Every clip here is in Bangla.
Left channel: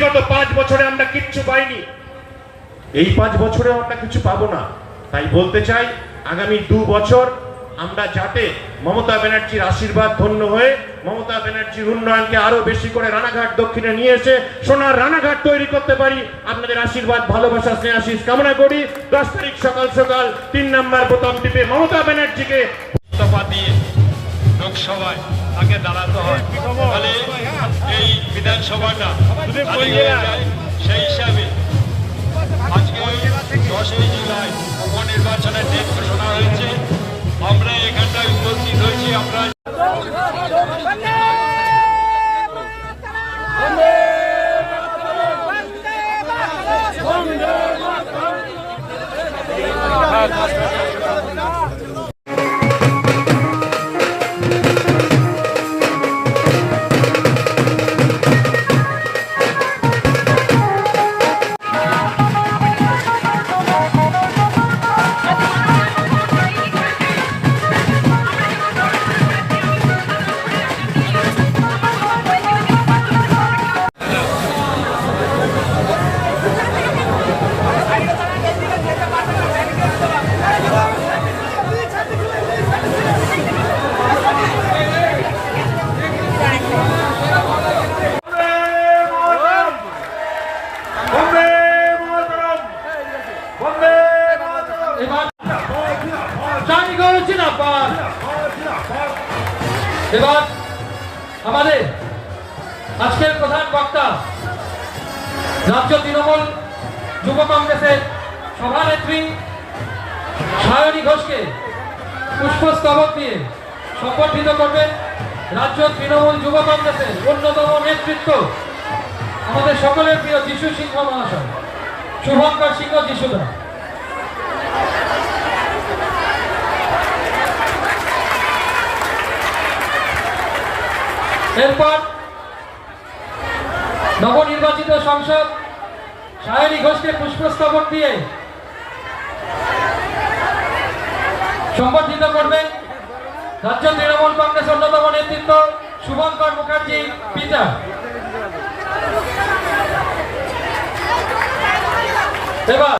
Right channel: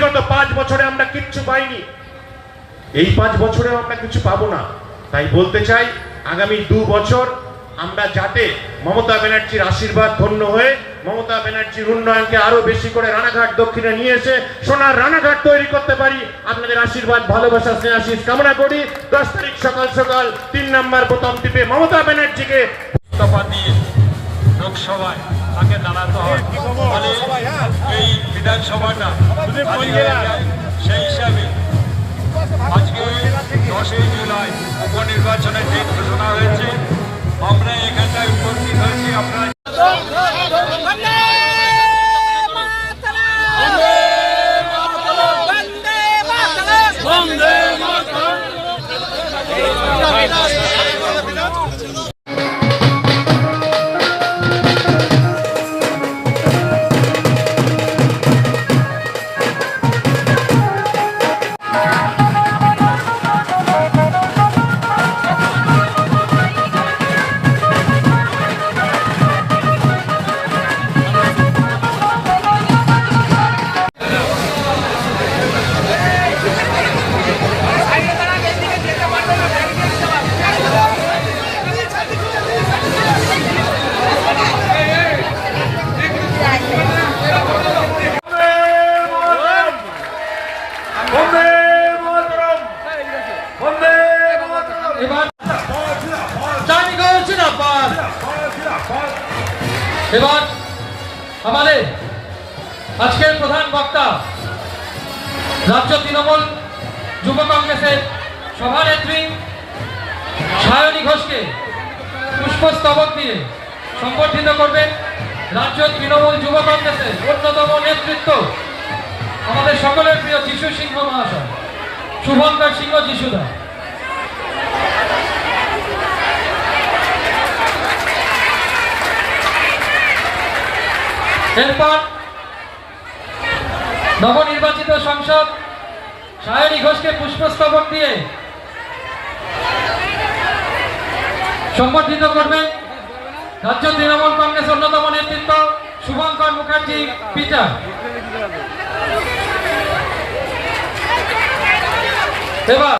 বিগত পাঁচ বছরে আমরা কিচ্ছু পাইনি। এই পাঁচ বছরে আমরা কিছু পাবো না। তাই বলতে চাই আগামী দু বছর আমরা যাতে মমতা ব্যানার্জির আশীর্বাদ ধন্য হয়ে মমতা ব্যানার্জির উন্নয়নকে আরও বেশি করে রানাঘাট দক্ষিণে নিয়ে এসে সোনার রানাঘাট তৈরি করতে পারি। আপনাদের আশীর্বাদ ভালোবাসা স্নেহাশিস কামনা করি। দশ তারিখ সকাল সকাল তিন নম্বর বোতাম টিপে মমতা ব্যানার্জিকে ইস্তফা দিয়ে লোকসভায় তাকে দাঁড়াতে হয়। বিধানসভাটা সেই হিসাবে আজকে দশই জুলাই উপনির্বাচনের দিন ঘোষণা হয়েছে। আমরা এখানটায় উপস্থিত হয়েছি আপনারা এবার পার এবার আমাদের আজকের প্রধান বক্তা, রাজ্য তৃণমূল যুব কংগ্রেসের সভানেত্রী সায়নী ঘোষকে পুষ্পস্তবক দিয়ে সম্বর্ধিত করবেন রাজ্য তৃণমূল যুব কংগ্রেসের অন্যতম নেতৃত্ব আমাদের সকলের প্রিয় যিশু সিংহ মহাশয়, শুভঙ্কর সিংহ যিশুদা। এরপর নবনির্বাচিত সংসদ সায়নী ঘোষকে পুষ্পস্তবক দিয়ে সম্বর্ধিত করবেন রাজ্য তৃণমূল কংগ্রেস অন্যতম নেতৃত্ব শুভঙ্কর মুখার্জি পিতা এবার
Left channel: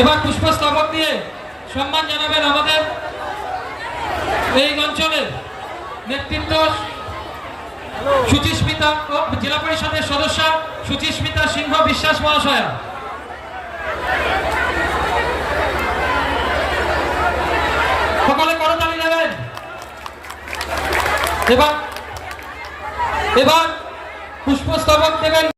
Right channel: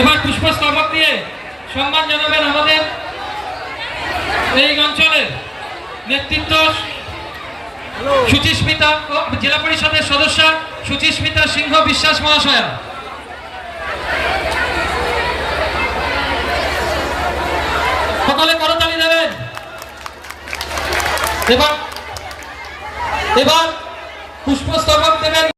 এবার পুষ্পস্তবক দিয়ে সম্মান জানাবেন আমাদের এই অঞ্চলের নেতৃত্ব সুচিস্মিতা জেলা পরিষদের সদস্য সুচিস্মিতা সিংহ বিশ্বাস মহাশয়া। সকলে করতালি দেবেন। এবার এবার পুষ্পস্তবক দেবেন